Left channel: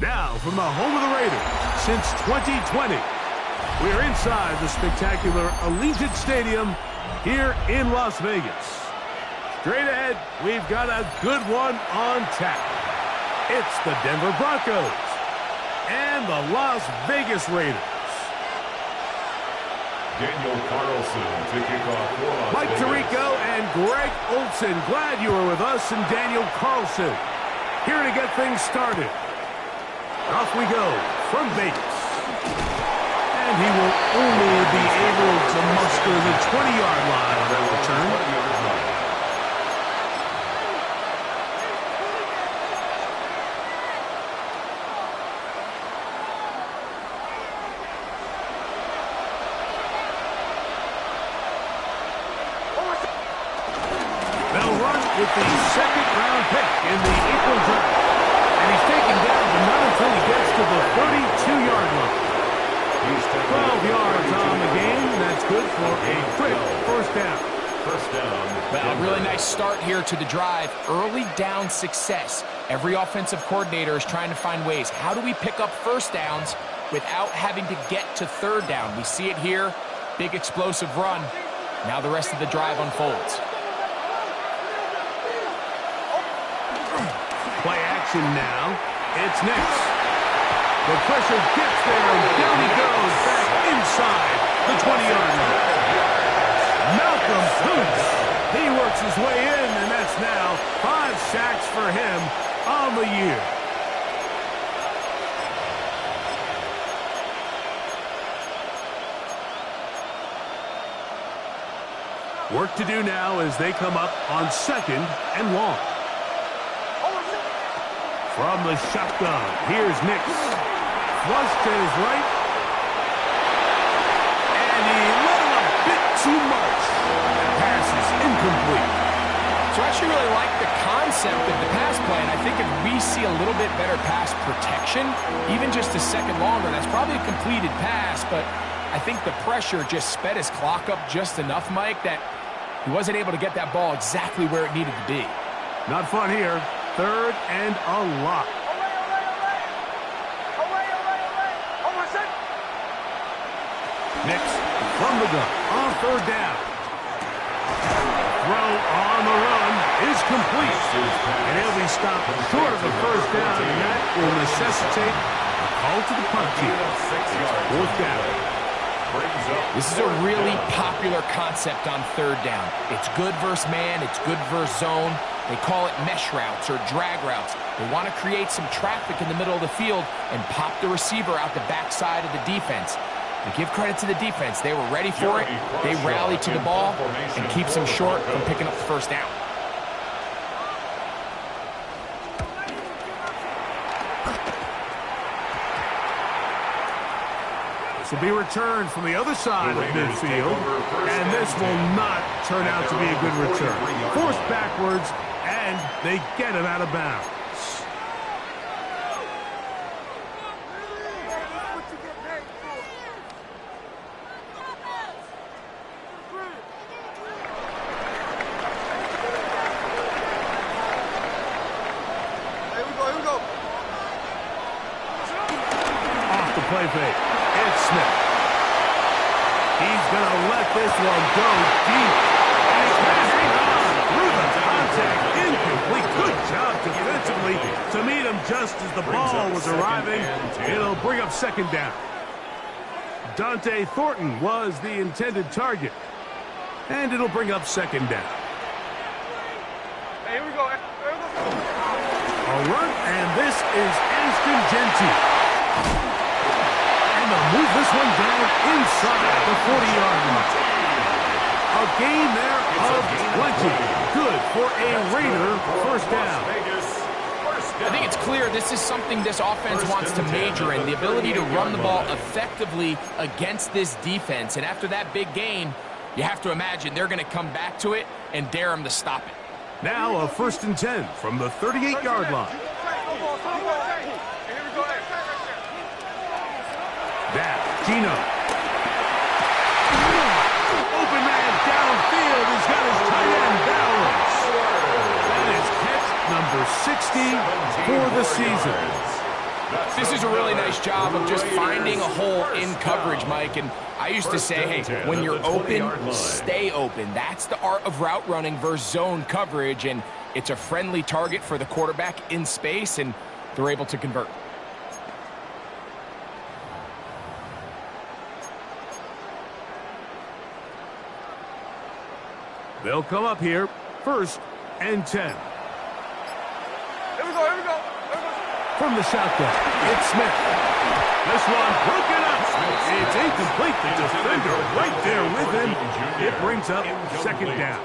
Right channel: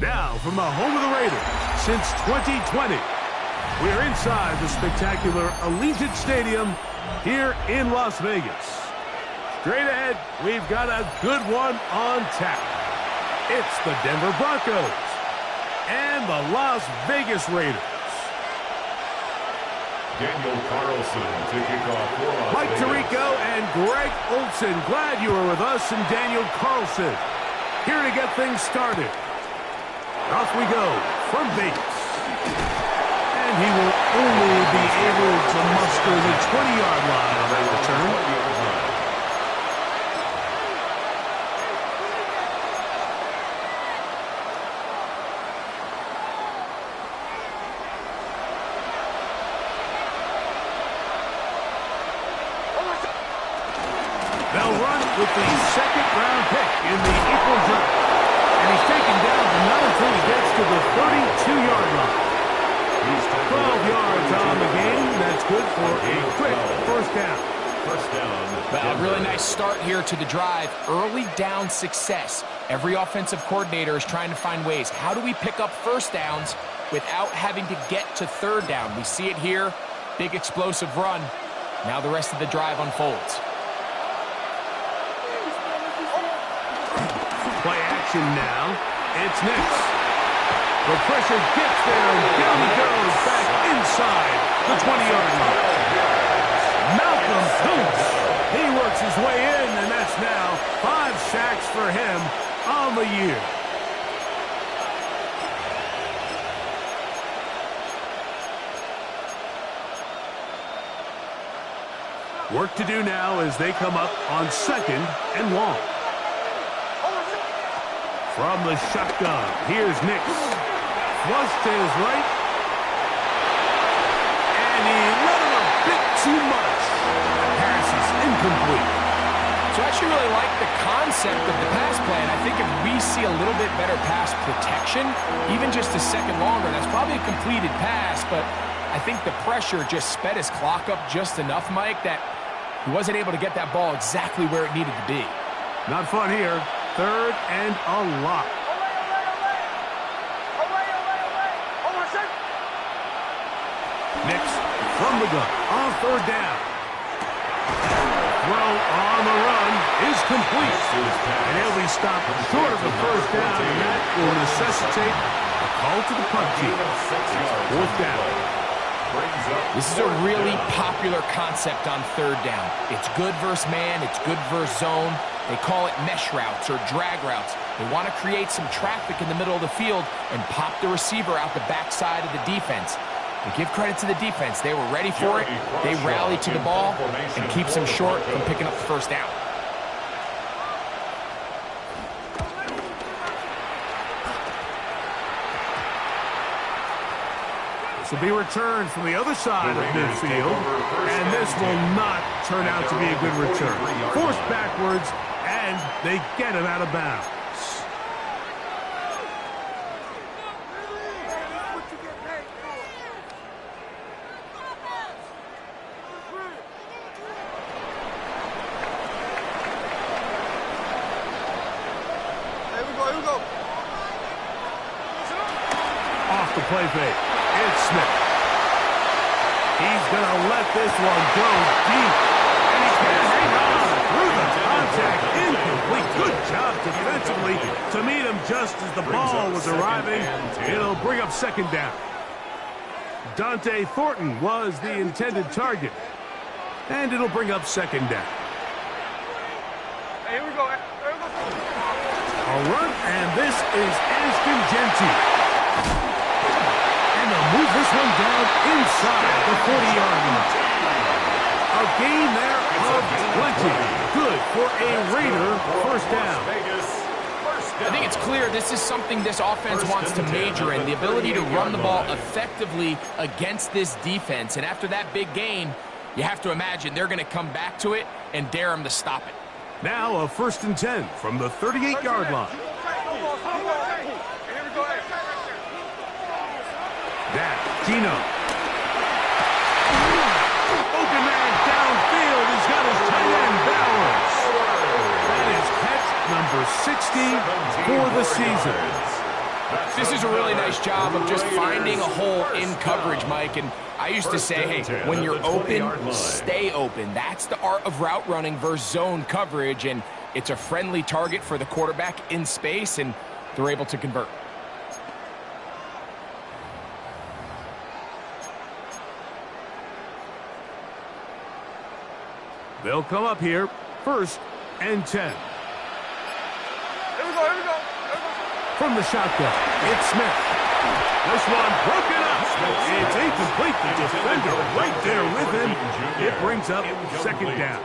Now, from the home of the Raiders, since 2020, we're inside the spectacular Allegiant Stadium here in Las Vegas. Straight ahead, we've got a good one on tap. It's the Denver Broncos and the Las Vegas Raiders. Daniel Carlson to kick off for Las Mike Vegas. Tirico and Greg Olson, glad you were with us, and Daniel Carlson here to get things started. Off we go from Vegas. And he will only be able to muster the 20-yard line on that return. 20-yard line. They'll run with the second-round pick in the April draft. And he's taken down, but not until he gets to the 32-yard line. 12 yards on the game. That's good for a quick first down. First down. Well, a really nice start here to the drive. Early down success. Every offensive coordinator is trying to find ways. How do we pick up first downs without having to get to third down? We see it here. Big explosive run. Now the rest of the drive unfolds. Play action now. It's Nix. The pressure gets there, and down he goes back inside the 20-yard line. Malcolm Kuntz. He works his way in, and that's now 5 sacks for him on the year. Work to do now as they come up on second and long. From the shotgun, here's Nix. Flush to his right. And he let him a bit too much. The pass is incomplete. So I actually really like the concept of the pass play, and I think if we see a little bit better pass protection, even just a second longer, that's probably a completed pass, but I think the pressure just sped his clock up just enough, Mike, that he wasn't able to get that ball exactly where it needed to be. Not fun here. Third and a lot. Nix from the gun on third down. Throw on the run is complete. And he'll be stopped short of the first down, and that will necessitate a call to the punt team. Fourth down. This is a really popular concept on third down. It's good versus man. It's good versus zone. They call it mesh routes or drag routes. They want to create some traffic in the middle of the field and pop the receiver out the backside of the defense. To give credit to the defense, they were ready for it. They rallied to the ball and keeps them short from picking up the first down. This will be returned from the other side of midfield, and this will not turn out to be a good return. Forced backwards, and they get him out of bounds. Here we go. Off the play fake. It's Smith. He's going to let this one go deep. And he can't hang on through the contact. Incomplete. Good job defensively to meet him just as the ball was arriving. It'll bring up second down. Dante Thornton was the intended target. And it'll bring up second down. Hey, here we go. A run, and this is Ashton Genty. And they'll move this one down inside the 40-yard line. A gain there of 20. Good for a Raider first down. I think it's clear this is something this offense wants to major in, the ability to run the ball effectively against this defense. And after that big gain, you have to imagine they're going to come back to it and dare them to stop it. Now a 1st and 10 from the 38-yard line. Now, Gino. Open man downfield. He's got his tight end Bowers. That is catch number 60 for the season. This is a really nice job of just finding a hole in coverage, Mike. And I used to say, hey, when you're open, stay open. That's the art of route running versus zone coverage. And it's a friendly target for the quarterback in space, and they're able to convert. They'll come up here, 1st and 10. Here we go, here we go. From the shotgun, it's Smith. This one broken up. It's incomplete. The defender right there with him. It brings up 2nd down.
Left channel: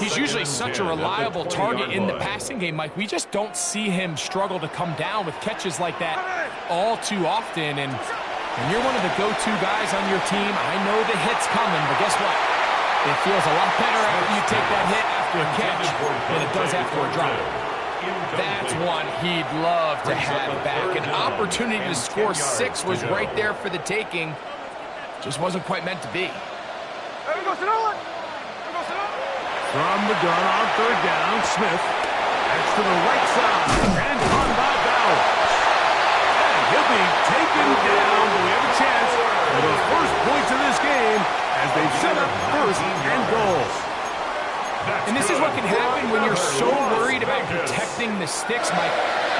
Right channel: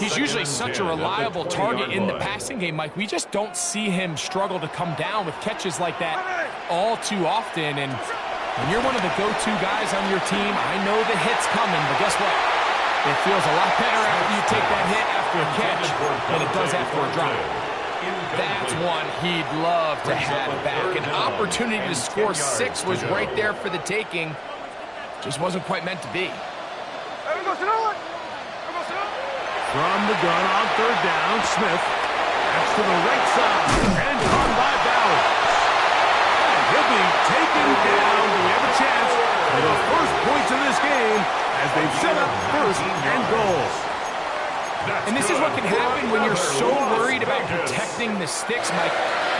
He's usually such a reliable target in the passing game, Mike. We just don't see him struggle to come down with catches like that all too often. And when you're one of the go-to guys on your team, I know the hit's coming, but guess what? It feels a lot better after you take that hit after a catch than it does after a drop. That's one he'd love to have back. An opportunity to score 6 was right there for the taking. Just wasn't quite meant to be. From the gun on 3rd down, Smith. That's to the right side. And caught by Bowers. And he'll be taken down. Do we have a chance for the first points of this game as they've set up 1st and goal? And this is what can happen when you're so worried about protecting the sticks, Mike.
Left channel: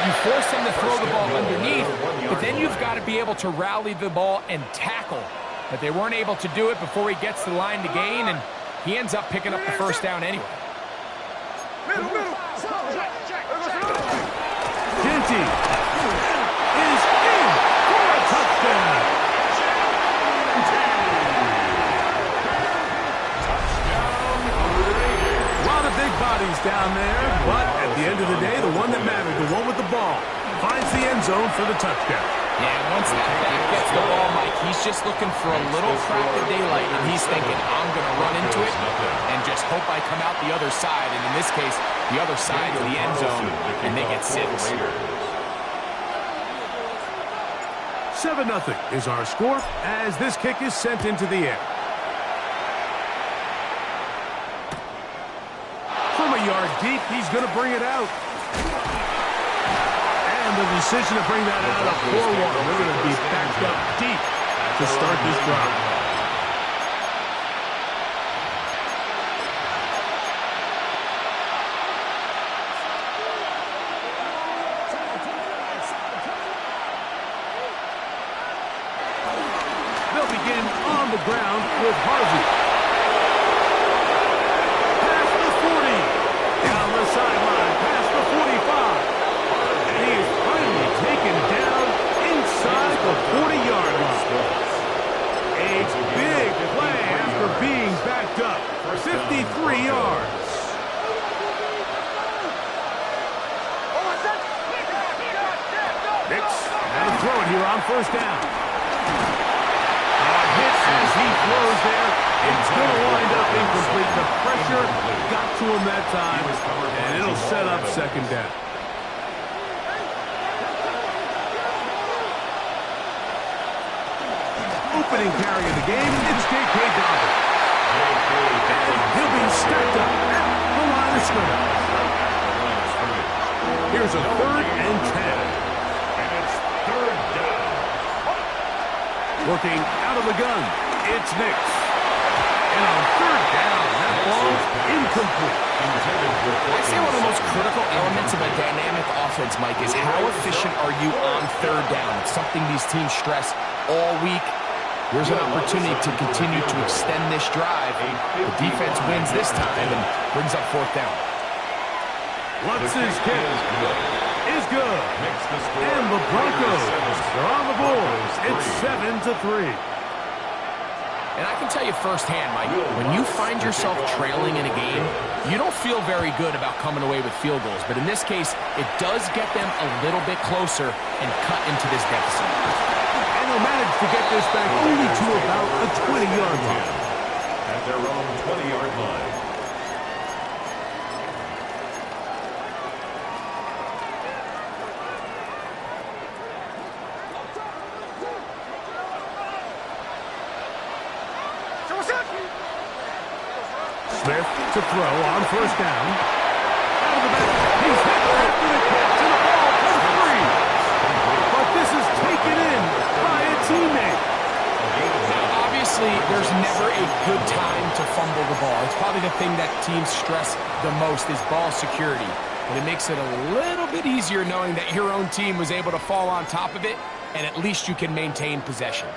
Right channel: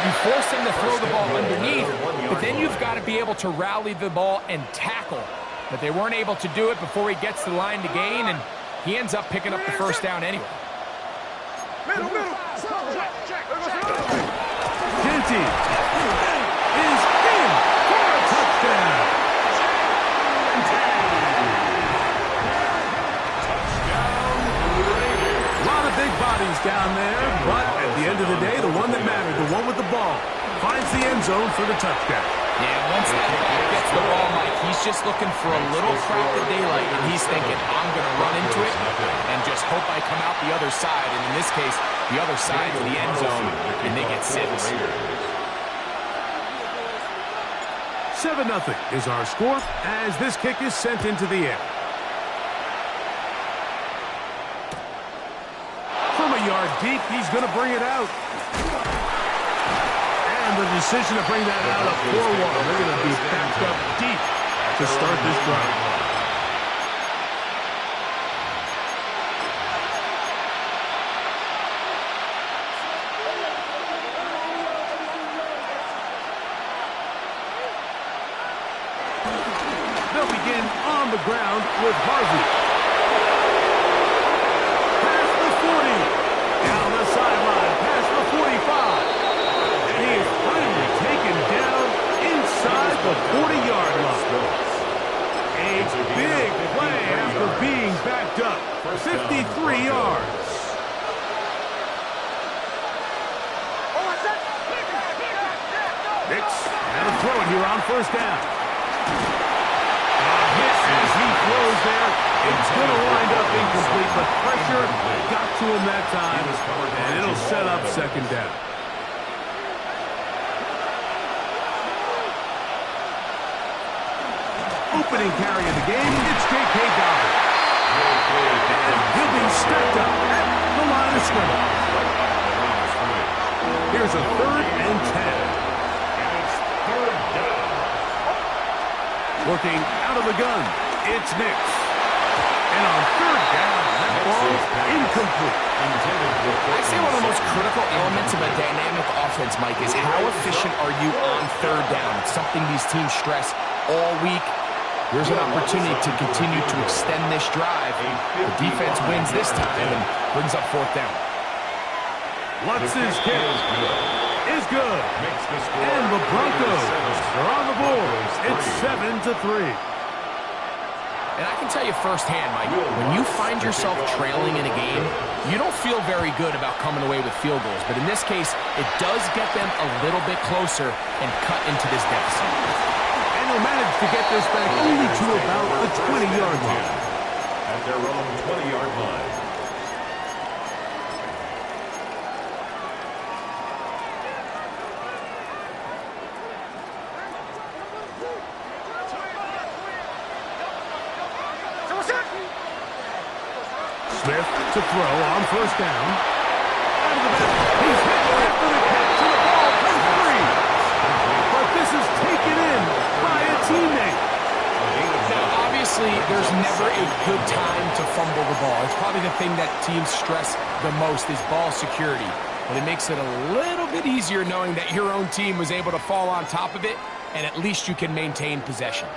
You force them to throw the ball underneath, but then you've got to be able to rally the ball and tackle. But they weren't able to do it before he gets to the line to gain, and he ends up picking up the 1st down anyway. Genty is in for a touchdown. Big bodies down there, but at the end of the day, the one that mattered, the one with the ball, finds the end zone for the touchdown. Yeah, once that back gets the ball, Mike, he's just looking for a little crack of daylight, and he's thinking, I'm going to run into it and just hope I come out the other side. And in this case, the other side's the end zone, and they get 6. 7-0 is our score as this kick is sent into the air. From a yard deep, he's going to bring it out. And the decision to bring that out up 4-1. They're going to be backed up deep to start this drive. They'll begin on the ground with Harvey. Down the sideline, past the 45. And he is finally taken down inside the 40-yard line. A big play after being backed up. 53 yards. Nix had to throw it here on 1st down. Hit as he throws there. It's going to wind up incomplete. The pressure got to him that time, and it'll set up 2nd down. Opening carry of the game, it's J.K. Dobbins. And he'll be stacked up at the line of scrimmage. Here's a 3rd and 10. And it's 3rd down. Looking out of the gun, it's Nix. And on 3rd down, that ball incomplete. I say one of the most critical elements of a dynamic offense, Mike, is how efficient are you on 3rd down? It's something these teams stress all week. Here's an opportunity to continue to extend this drive. The defense wins this time and brings up 4th down. Lutz's kick is good. And the Broncos are on the board. It's 7-3. And I can tell you firsthand, Mike, when you find yourself trailing in a game, you don't feel very good about coming away with field goals. But in this case, it does get them a little bit closer and cut into this deficit. And they'll manage to get this back only to about the 20-yard line. At their own 20-yard line. Smith to throw on 1st down. Out of the back. He's hit after the catch, and the ball comes free. is taken in by a teammate. Now, obviously, there's never a good time to fumble the ball. It's probably the thing that teams stress the most is ball security. But it makes it a little bit easier knowing that your own team was able to fall on top of it, and at least you can maintain possession.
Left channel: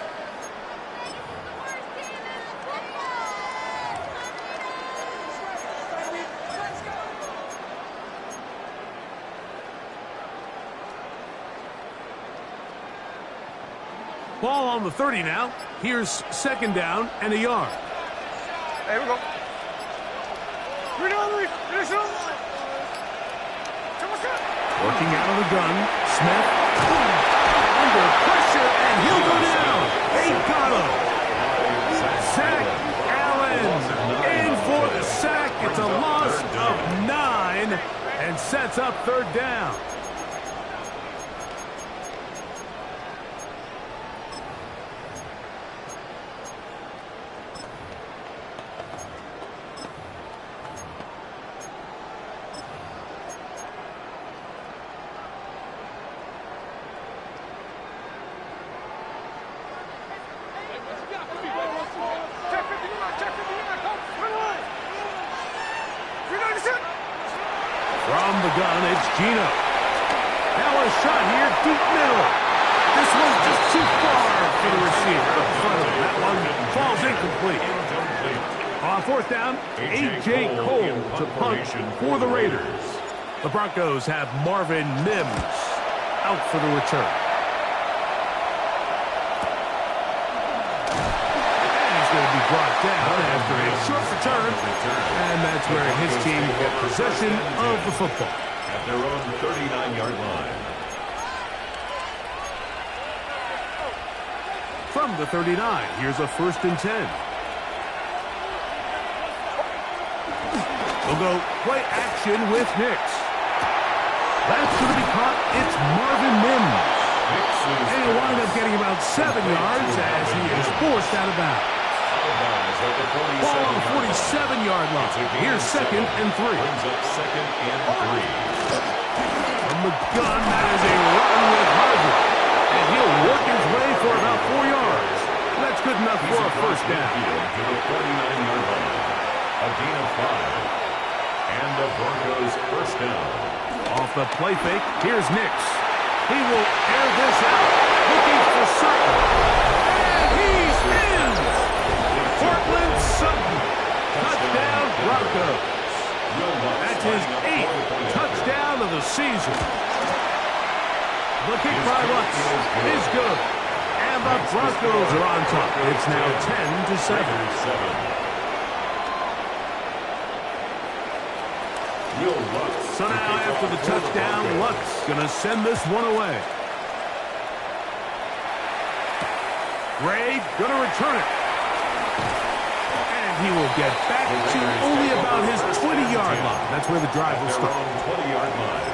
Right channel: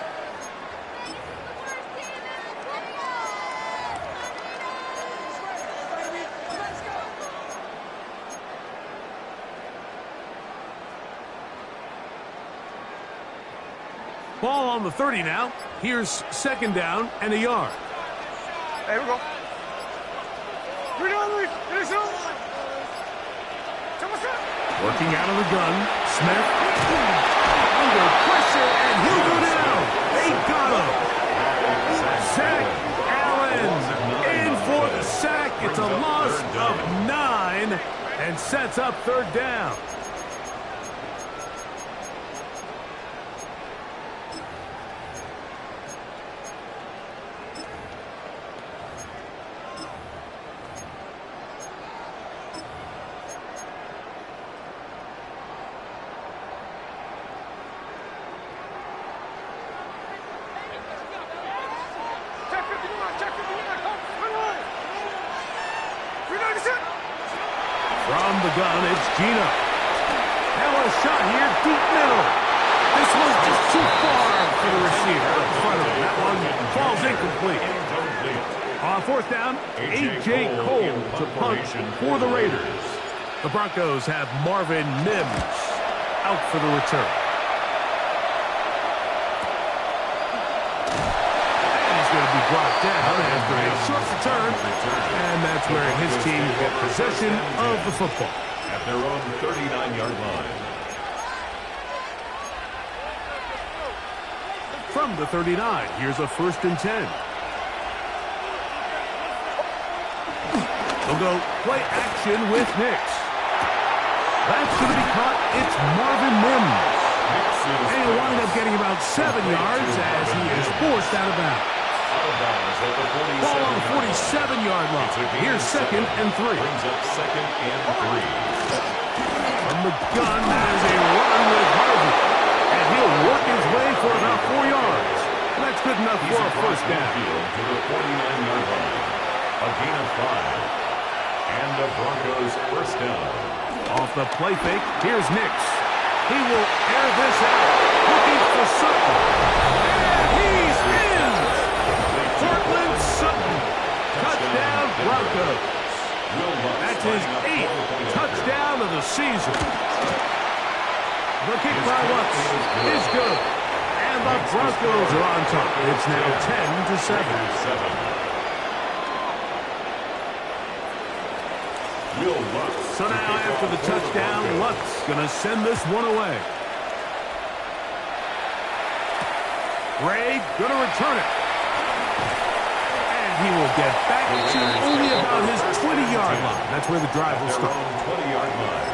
Ball on the 30 now. Here's second down and a yard. There we go. Working out of the gun. Smith. Under pressure, and he'll go down. They got him. Zach Allen in for the sack. It's a loss of 9 and sets up third down. From the gun, it's Gino. Now a shot here, deep middle. This was just too far for the receiver out in front of him. That one falls incomplete. On fourth down, A.J. Cole to punt for the Raiders. The Broncos have Marvin Mims out for the return. Going to be brought down after a short return, and that's where his team get possession of the football. At their own 39-yard line. From the 39, here's a 1st and 10. They'll go play action with Nix. That's going to be caught. It's Marvin Mims. And he'll wind up getting about 7 yards as he is forced out of bounds. Ball on the 47-yard line. Here's second and 3. Brings up second and 3. From the gun, that is a run with Harvey. And he'll work his way for about 4 yards. That's good enough for a first down. To the 49-yard line. A gain of 5. And the Broncos first down. Off the play fake, here's Nix. He will air this out. Looking for Sutton. And he's in! Portland Sutton. Touchdown Broncos. That's his 8th touchdown of the season. The kick by Lutz is good. And the Broncos are on top. It's now 10-7. So now after the touchdown, Lutz going to send this one away. Gray going to return it. And he will get back to only about his 20-yard line. That's where the drive will start. 20-yard line.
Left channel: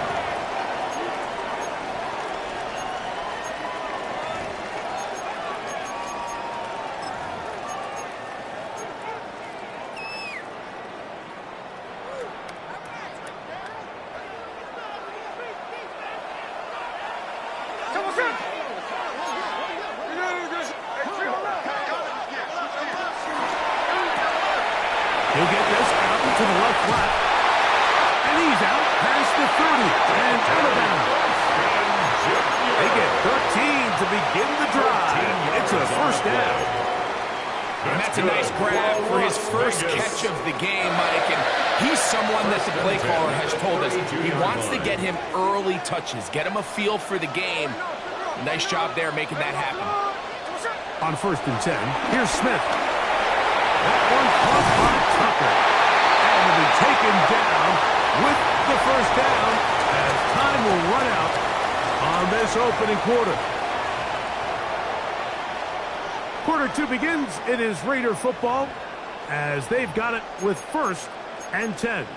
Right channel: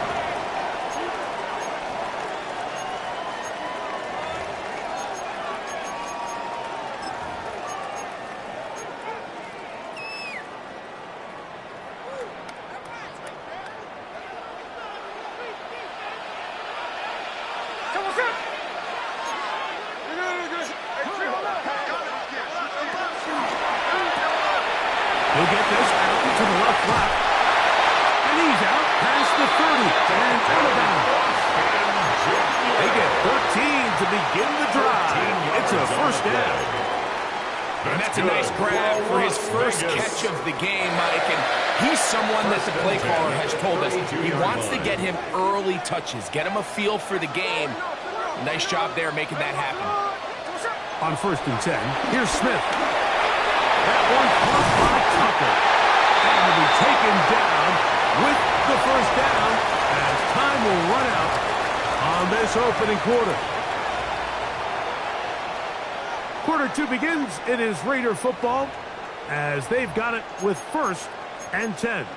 He'll get this out into the left flat. And he's out past the 30 and out of bounds. They get 13 to begin the drive. It's a first down. And that's a nice grab for his first catch of the game, Mike. And he's someone that the play caller has told us he wants to get him early touches, get him a feel for the game. Nice job there making that happen. On 1st and 10, here's Smith. That one caught by Tucker. And will be taken down with the first down as time will run out on this opening quarter. Quarter 2 begins. It is Raider football as they've got it with 1st and 10.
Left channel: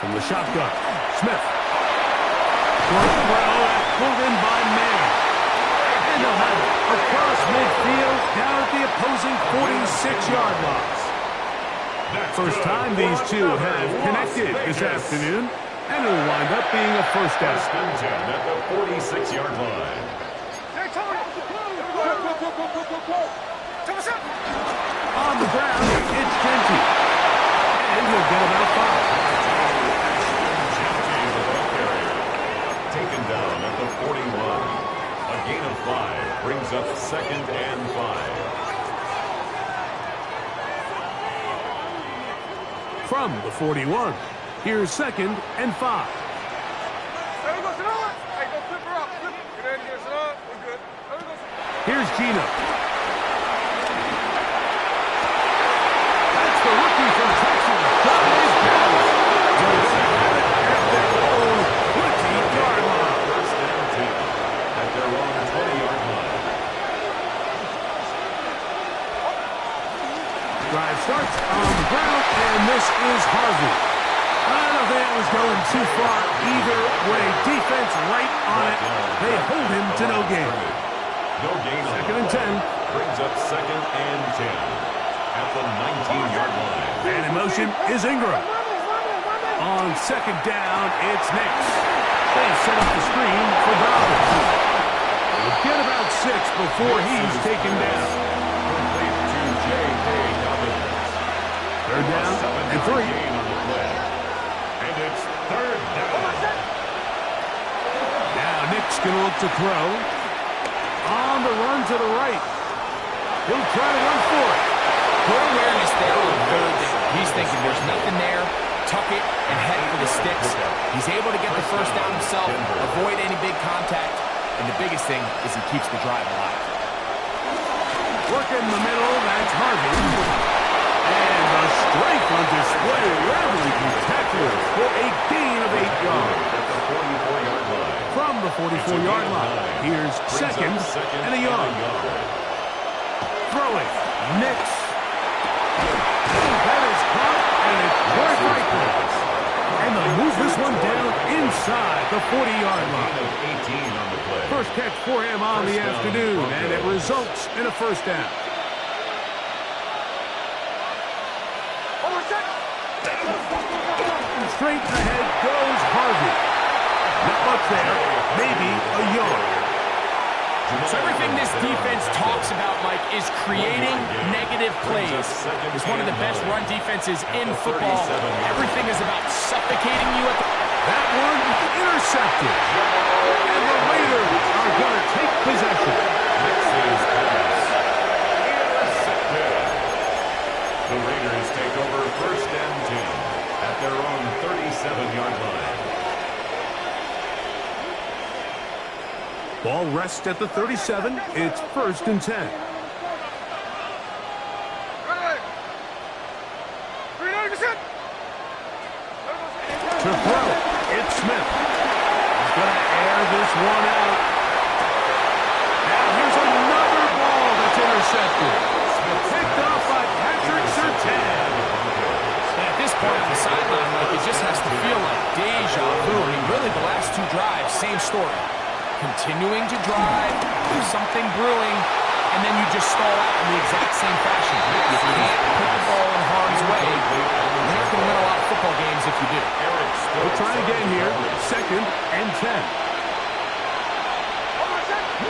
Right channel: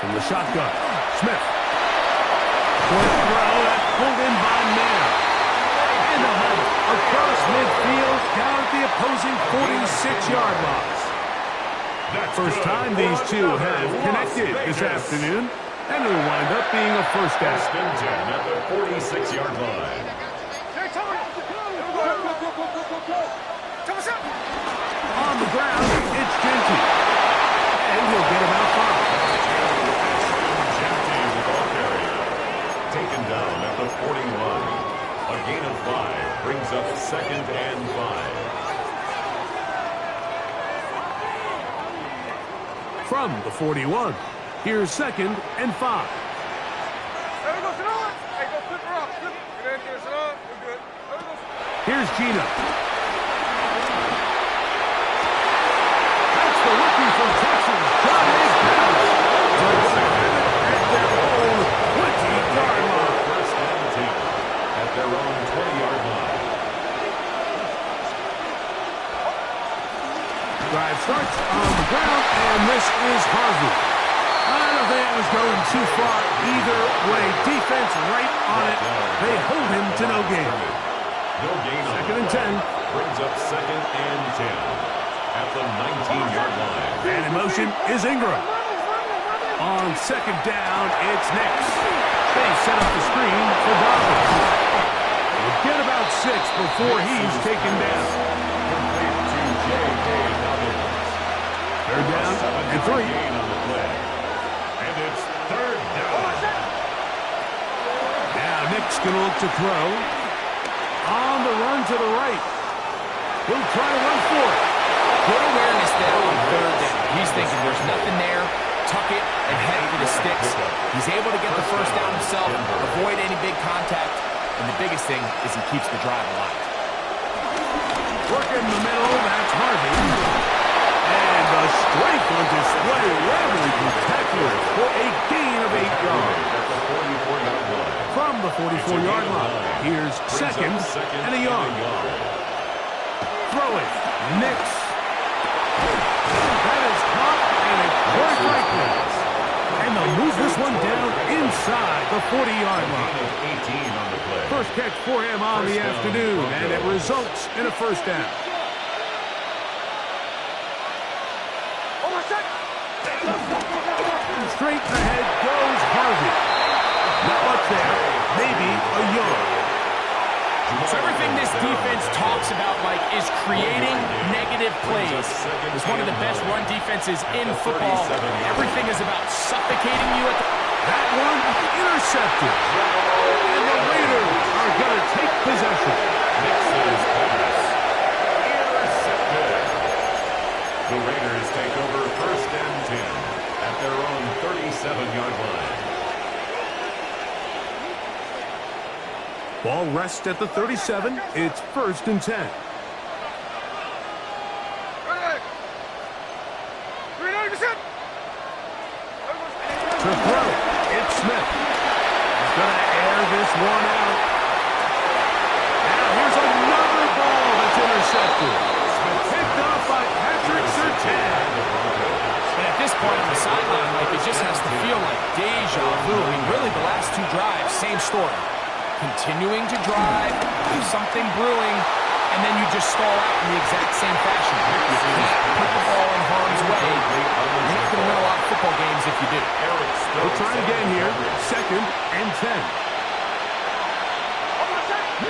From the shotgun, Smith. Short throw, that's pulled in by Mayer. And And they'll have it across midfield down at the opposing 46-yard line. First time these two have connected this afternoon, and it'll wind up being a first down. First and 10 at the 46-yard line. On the ground, it's Genty. And he'll get about 5. Genty, the ball carrier. Taken down at the 41. A gain of 5 brings up 2nd and 5. From the 41, here's 2nd and 5. Here's Gino. That's the rookie from Texas, John Hayes. They're going to have it at their own 20-yard line. First and 10 at their own 20-yard line. Drive starts on the ground, and this is Harvey. I don't think that was going too far either way. Defense right on it. They hold him to no gain. No gain on 2nd and 10. Brings up 2nd and 10 at the 19-yard line. And in motion is Ingram. On 2nd down, it's Nix. They set up the screen for Dobbins. He'll get about 6 before he's taken down. Complete to J.K. Dobbins. 3rd down and 3. Gain on the play. And it's 3rd down. Now Nick's going to look to throw. On the run to the right. He'll try to run for it. Good awareness there on 3rd down. He's thinking there's nothing there. Tuck it and head for the sticks. He's able to get the first down himself, avoid any big contact, and the biggest thing is he keeps the drive alive. Work in the middle, that's Harvey. And the strength on display, rambling through tacklers for a gain of 8 yards. At the 44-yard line. From the 44-yard line, here's 2nd and a yard. Throwing, Nix. That is caught, and it's Troy Franklin. And they'll move this one down inside the 40-yard line. 18 on the play. First catch for him on the afternoon, and it results in a first down. Straight ahead goes Harvey. Not much there, maybe a yard. So everything this defense talks about, Mike, is creating negative plays. It's one of the best run defenses in football. Everything is about suffocating you at the... That one intercepted. And the Raiders are going to take possession. Nix's pass. Intercepted. The Raiders take over 1st and 10 at their own 37-yard line. Ball rests at the 37. It's 1st and 10. To throw, it's Smith. He's going to air this one out. Now here's another ball that's intercepted. Picked up by Patrick Surtain. And at this point on the sideline, Mike, it just has to feel like deja vu. I mean, really, the last 2 drives, same story. Continuing to drive, there's something brewing, and then you just stall out in the exact same fashion. You can't put the ball in harm's way. You're not going to win a lot of football games if you do. We'll try again here. 2nd and 10.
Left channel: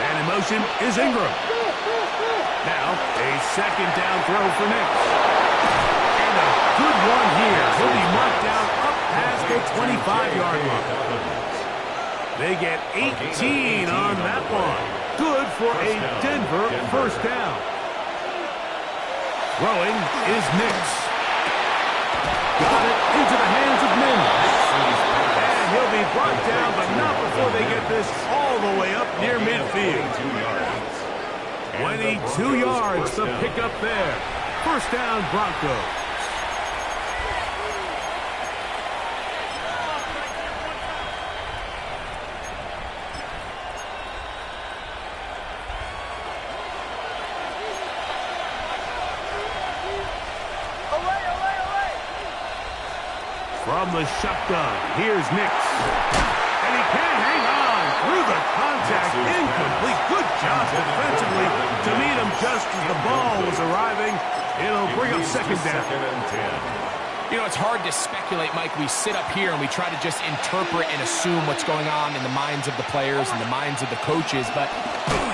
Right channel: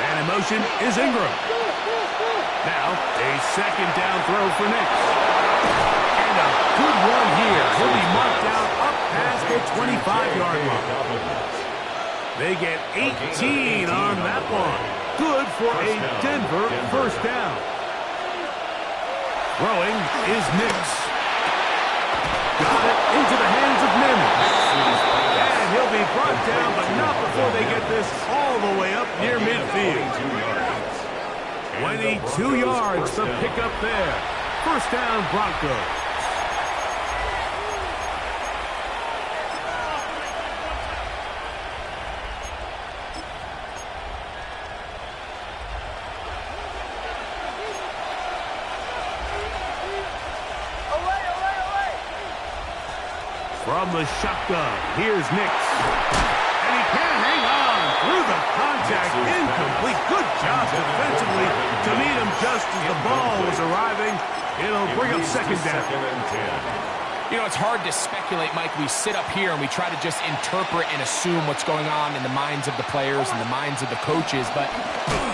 And in motion is Ingram. Now, a 2nd down throw for Nix. And a good one here. He'll be marked down up past the 25-yard line. They get 18 on that one. Good for a Denver first down. Throwing is Nix. Got it into the hands of Mims. And he'll be brought down, but not before they get this all the way up near midfield. 22 yards to pick up there. First down, Broncos. From the shotgun, here's Nix. And he can't hang on through the contact, incomplete. Good job defensively to meet him just as the ball was arriving. It'll bring up second down. You know, it's hard to speculate, Mike. We sit up here and we try to just interpret and assume what's going on in the minds of the players and the minds of the coaches, but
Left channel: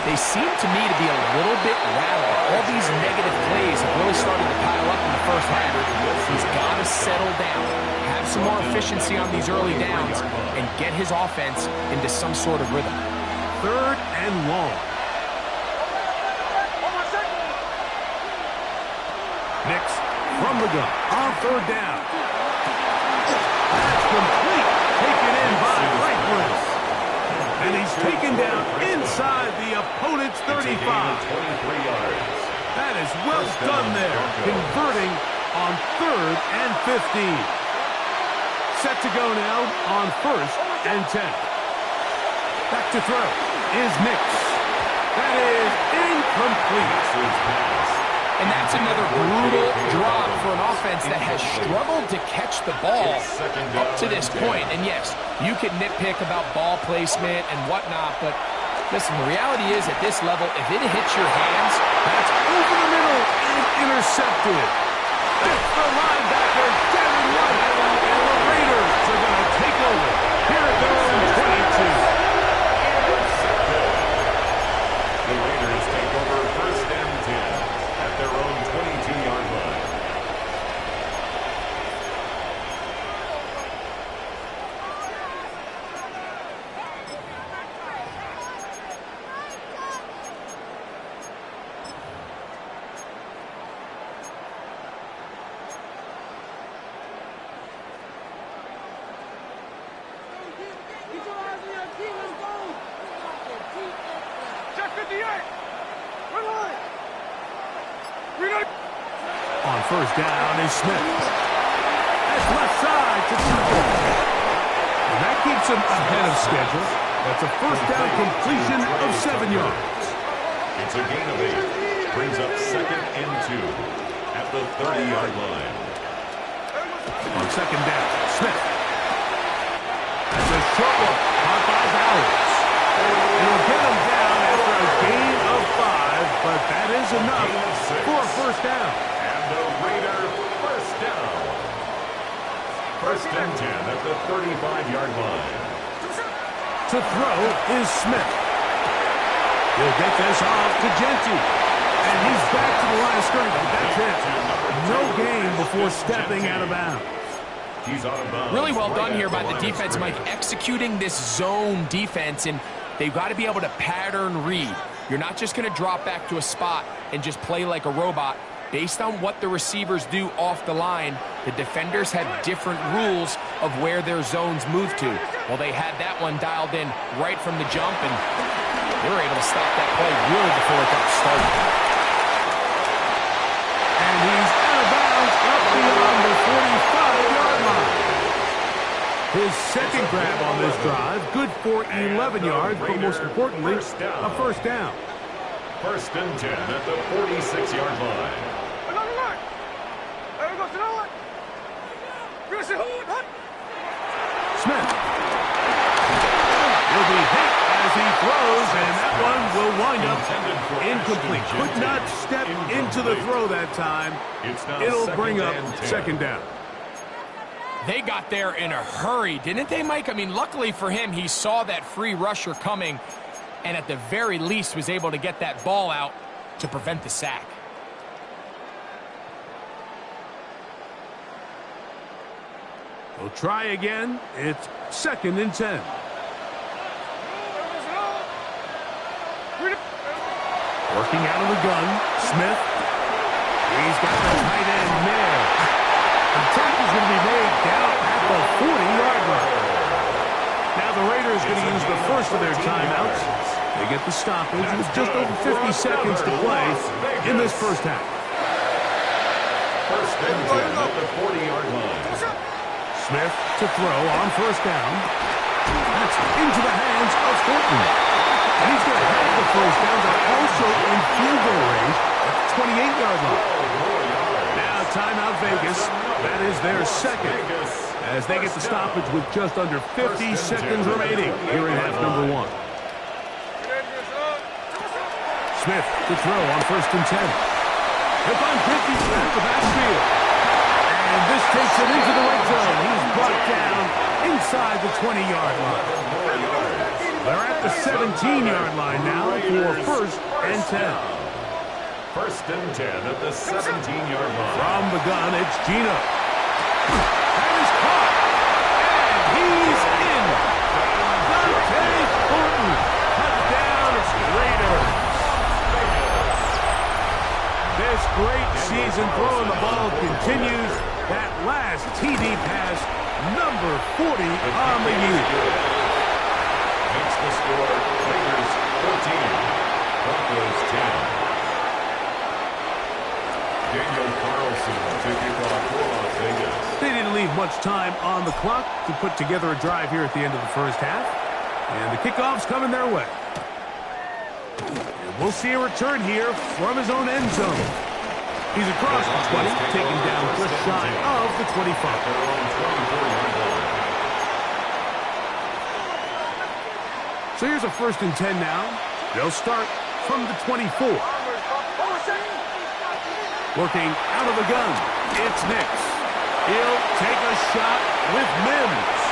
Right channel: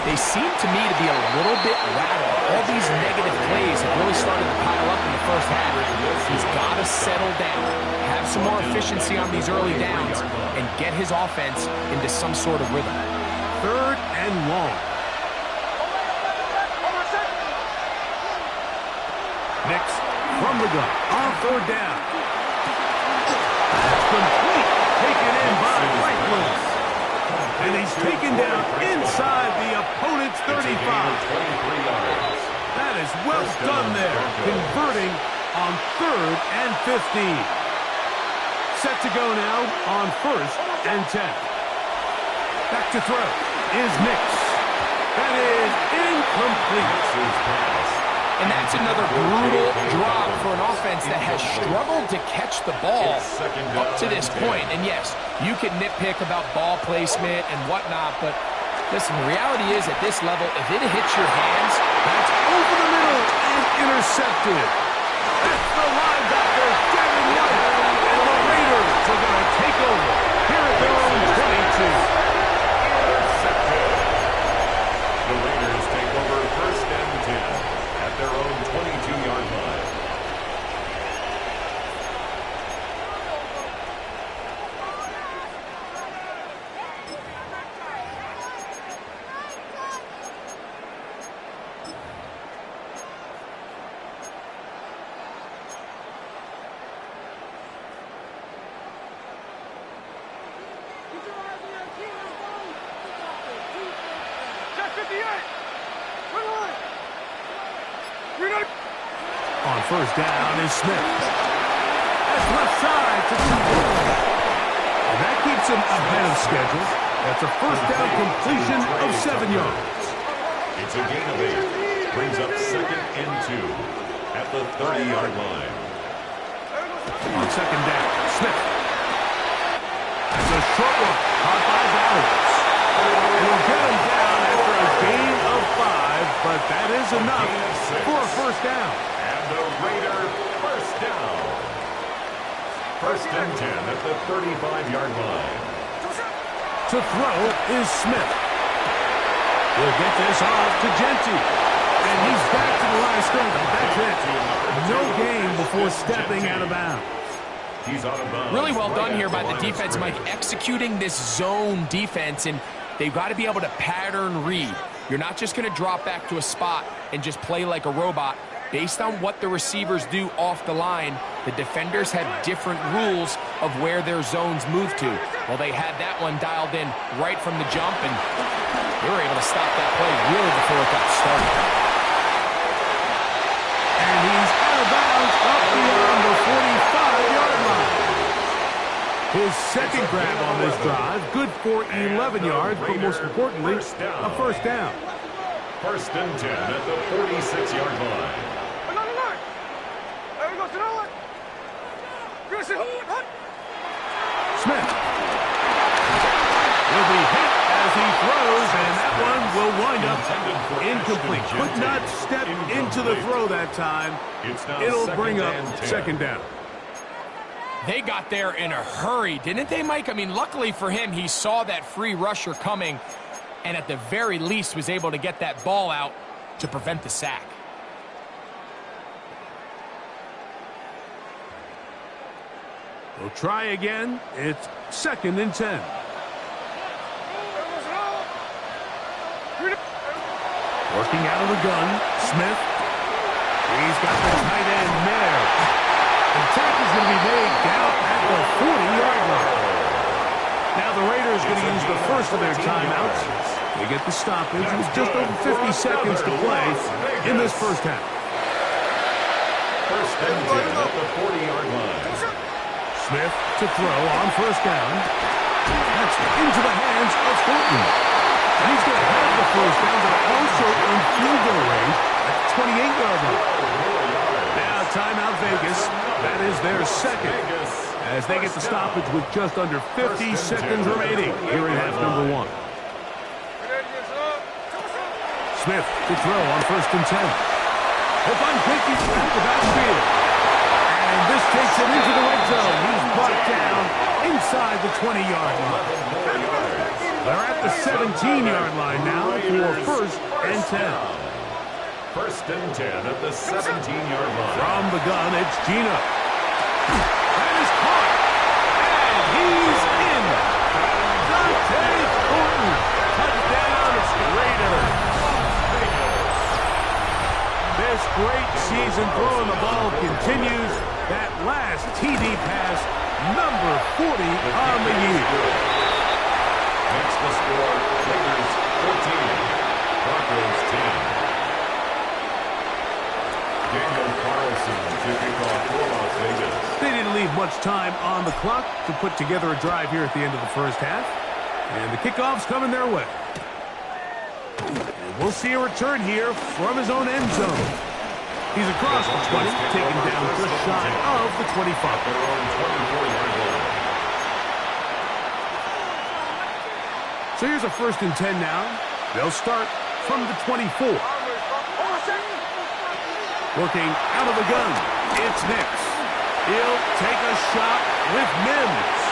they seem to me to be a little bit rattled. All these negative plays have really started to pile up in the first half. He's got to settle down, have some more efficiency on these early downs, and get his offense into some sort of rhythm. Third and long. Nix from the gun on third down. That's complete. Taken in by Franklin. And he's taken down inside the opponent's 35. That is well done there, converting on third and 15. Set to go now on first and 10. Back to throw is Nix. That is incomplete. And that's another brutal drop for an offense that has struggled to catch the ball up to this point. And yes, you can nitpick about ball placement and whatnot, but listen, the reality is at this level, if it hits your hands, that's over the middle and intercepted. That's the linebacker, Devin White. And the Raiders are going to take over here at their own 22. Intercepted. The Raiders take over first and 10. At their own 22-yard line. Get your eyes on your key, let's go! Check 58! Good line! On first down is Smith. That's left side to Tucker. And that keeps him ahead of schedule. That's a first down completion of 7 yards. It's a gain of 8. Brings up second and 2 at the 30-yard line. On second down, Smith. That's a short one, caught by Bowers. It'll get him down after a gain of 5, but that is enough for a first down. And the Raider first down. First and 10 at the 35-yard line. To throw is Smith. He'll get this off to Genty. And he's back to the line of scrimmage. That's it. No gain before stepping out of bounds. He's out of bounds. Really well done here by the defense, Mike, executing this zone defense, and they've got to be able to pattern read. You're not just going to drop back to a spot and just play like a robot. Based on what the receivers do off the line, the defenders have different rules of where their zones move to. Well, they had that one dialed in right from the jump, and they were able to stop that play really before it got started. And he's out of bounds up beyond the 45-yard line. His second grab on this drive, good for 11 yards, but most importantly, a first down. First and 10 at the 46-yard line. Smith. He'll be hit as he throws, and that one will wind up incomplete. Could not step into the throw that time. It'll bring up second down. They got there in a hurry, didn't they, Mike? I mean, luckily for him, he saw that free rusher coming, and at the very least was able to get that ball out to prevent the sack. They'll try again. It's second and 10. Working out of the gun, Smith. He's got the tight end there. The tackle's going to be made down at the 40-yard line. Now the Raiders are going to use the first of their timeouts. They get the stoppage with just over 50 seconds to play in this first half. First and 10 at the 40-yard line. Smith to throw on first down. That's into the hands of Thornton. And he's going to have the first down. They're also in field goal range at the 28-yard line. Now timeout Vegas. That is their second, as they get the stoppage with just under 50 seconds remaining here in half number 1. Smith to throw on 1st and 10. He'll find 50 at the backfield. And this takes it into the red zone. He's brought down inside the 20-yard line. They're at the 17-yard line now for 1st and 10. 1st and 10 at the 17-yard line. From the gun, it's Gino. That is caught. And he's in. Dante Thornton. Touchdown, Raiders. This great season throwing the ball continues. That last TD pass, number 40 on the year. Makes the score Raiders 14, Broncos 10. Daniel Carlson to kick off for Las Vegas. They didn't leave much time on the clock to put together a drive here at the end of the first half. And the kickoff's coming their way. And we'll see a return here from his own end zone. He's across the 20, taken down just shy of the 25. Their own 24-yard line. So here's a 1st and 10 now. They'll start from the 24. Working out of the gun, it's Nix. He'll take a shot with Mims.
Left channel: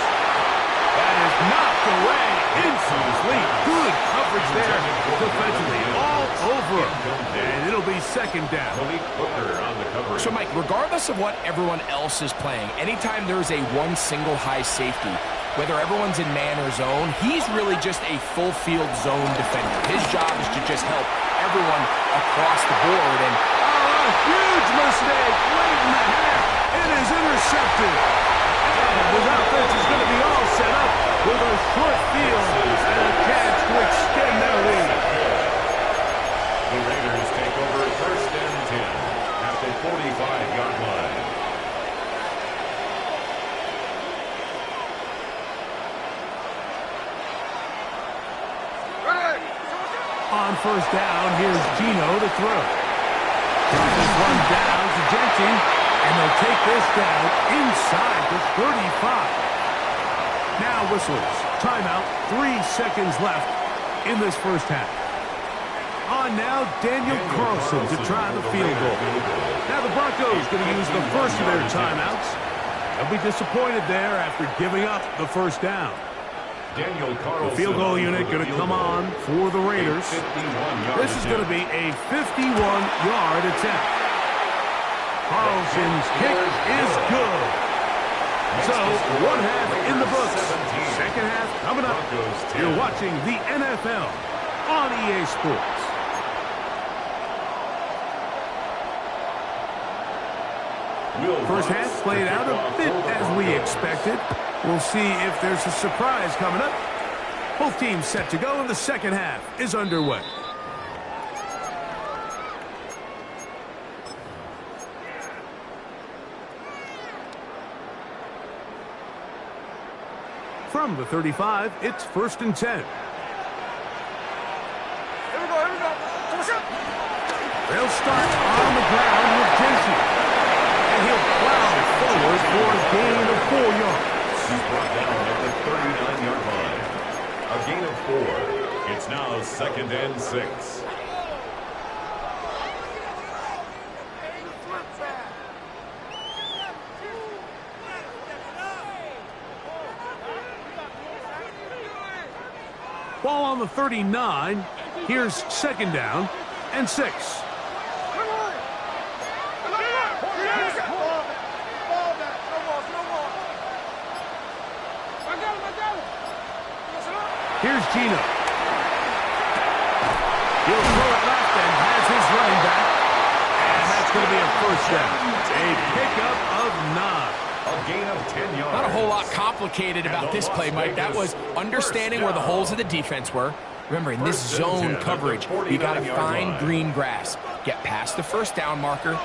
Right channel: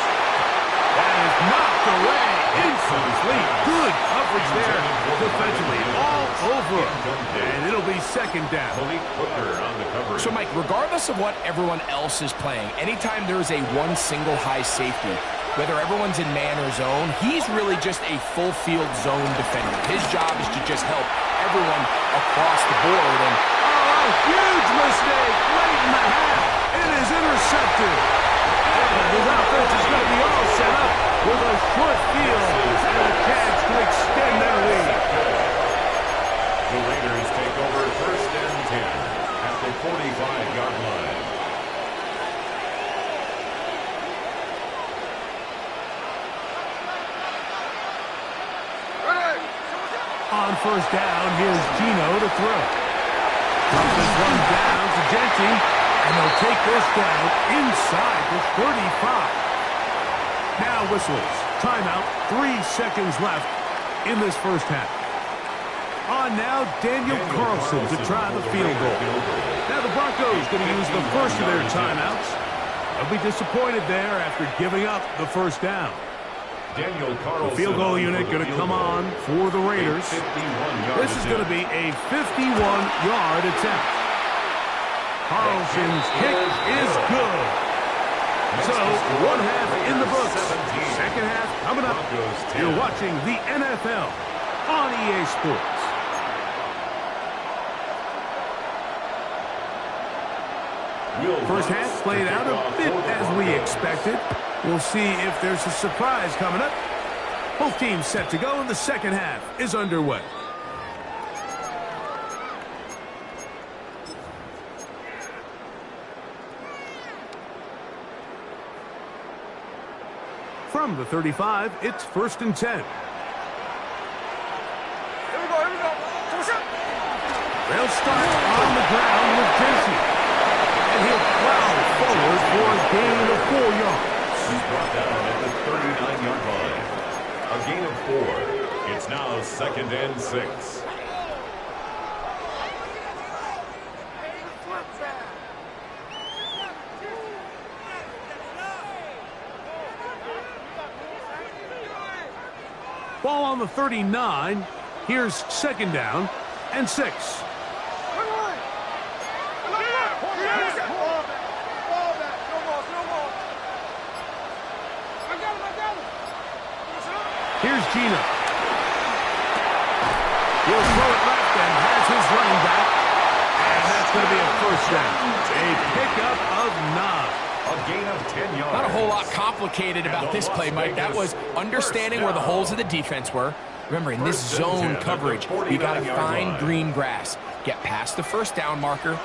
That is knocked away, incomplete. Good coverage there defensively, all over him. And it'll be 2nd down. Malik Hooker on the coverage. So, Mike, regardless of what everyone else is playing, anytime there is a one single high safety, whether everyone's in man or zone, he's really just a full field zone defender. His job is to just help everyone across the board. And a huge mistake late in the half. It is intercepted. And his offense is going to be all set up with a short field and a chance to extend their lead. The Raiders take over 1st and 10 at the 45-yard line. On 1st down, here's Gino to throw. Dump this one down to Genty, and they'll take this down inside the 35. Now whistles. Timeout. 3 seconds left in this first half. On now, Daniel Carlson to try the field goal. Now the Broncos going to use the first of their timeouts. They'll be disappointed there after giving up the 1st down. Daniel Carlson, the field goal unit going to come on for the Raiders. This is going to be a 51-yard attempt. Carlson's kick is good. So, 1 half in the books. 2nd half coming up. You're watching the NFL on EA Sports. First half played out a bit as we expected. We'll see if there's a surprise coming up. Both teams set to go, and the 2nd half is underway. From the 35, it's 1st and 10. Here we go, here we go. They'll start on the ground with Genty. And he'll plow forward for a gain of 4 yards. He's brought down at the 39-yard line. A gain of 4. It's now 2nd and 6. Ball on the 39. Here's 2nd down and 6. Here's Gino. He'll throw it left and has his running back. And that's going to be a 1st down. A pickup of 9. A gain of 10 yards. Not a whole lot complicated about this play, Mike. That was understanding where the holes of the defense were. Remember, in this zone coverage, you got to find green grass. Get past the 1st down marker.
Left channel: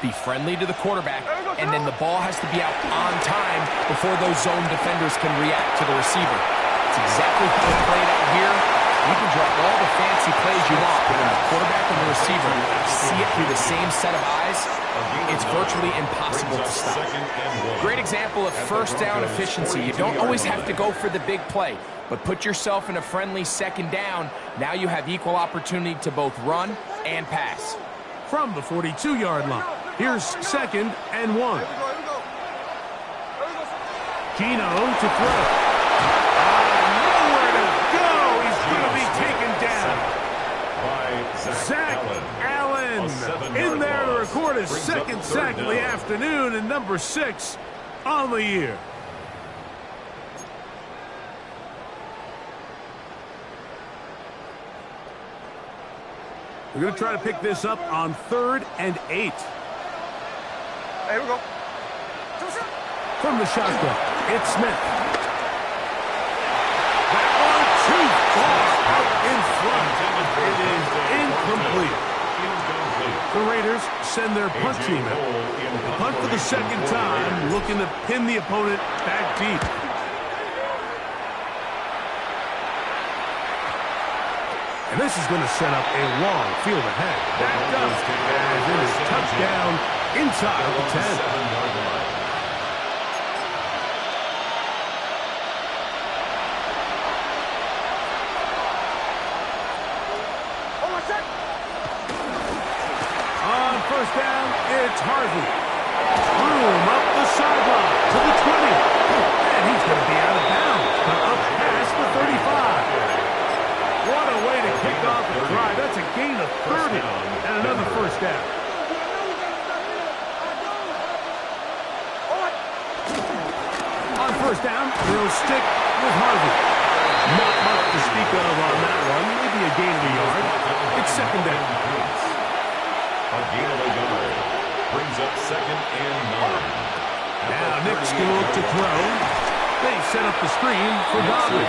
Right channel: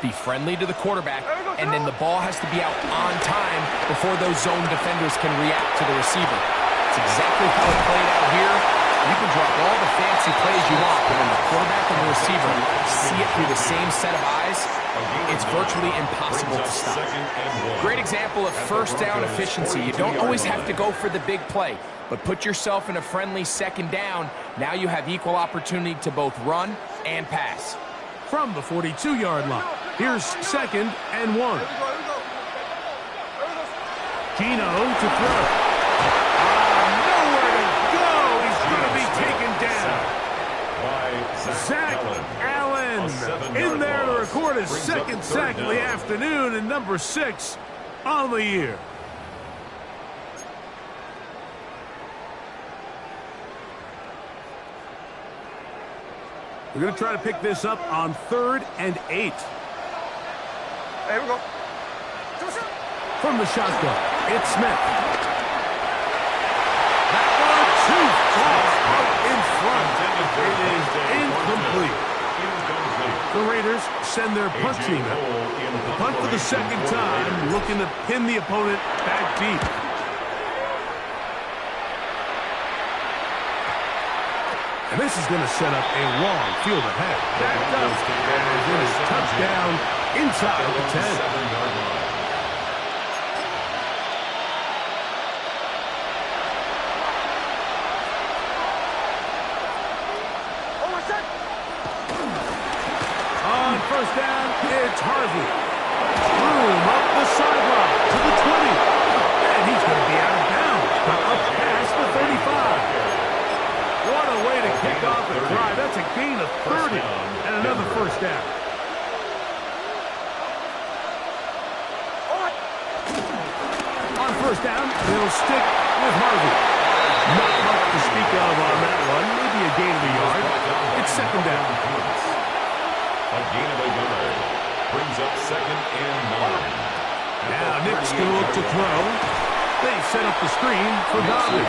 Be friendly to the quarterback. And then the ball has to be out on time before those zone defenders can react to the receiver. It's exactly how it played out here. You can drop all the fancy plays you want, but when the quarterback and the receiver see it through the same set of eyes, it's virtually impossible to stop. Great example of first down efficiency. You don't always have to go for the big play, but put yourself in a friendly second down. Now you have equal opportunity to both run and pass. From the 42-yard line, here's 2nd and 1. Gino to throw. Nowhere to go. He's going to be taken down. By Zach Allen in there to record his 2nd sack of the afternoon and number 6 on the year. We're going to try to pick this up on 3rd and 8. Here we go. From the shotgun, it's Smith. That one too far out in front. It is incomplete. The Raiders send their punt team out. The punt for the 2nd time, looking to pin the opponent back deep. And this is going to set up a long field ahead. Backed up as it is touchdown inside the 10. 7-yard line. On first down, it's Harvey. Room up the sideline to the 20. And he's going to be out of bounds, but up past the 35. What a way to kick off the drive. That's a gain of 30 and another first down. On first down, they'll stick with Harvey. Not much to speak of on that one. Maybe a gain of a yard. It's 2nd down. A gain of a yard. Brings up 2nd and 9. Now Nick School to throw. They set up the screen for Dobbins.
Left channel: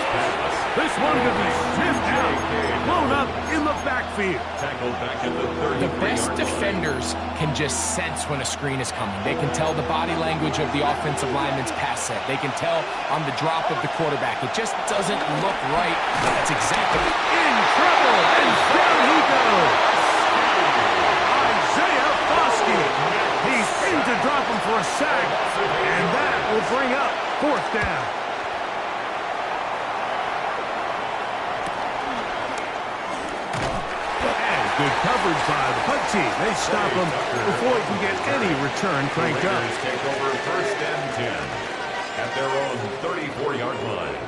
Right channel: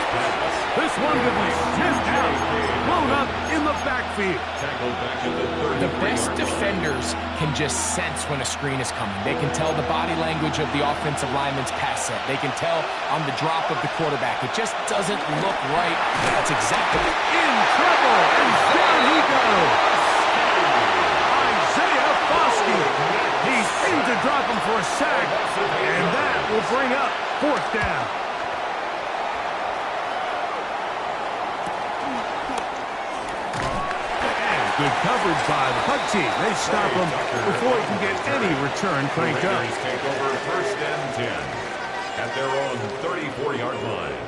This one could be sniffed out. Blown up in the backfield. Tackled back at the 30. The best defenders can just sense when a screen is coming. They can tell the body language of the offensive lineman's pass set. They can tell on the drop of the quarterback. It just doesn't look right. That's exactly in trouble, and down he goes. Isaiah Foskey. He's in to drop him for a sack, and that will bring up 4th down. And good coverage by the punt team. They stop him before he can get any return cranked up. Raiders take over 1st and 10 at their own 34-yard line.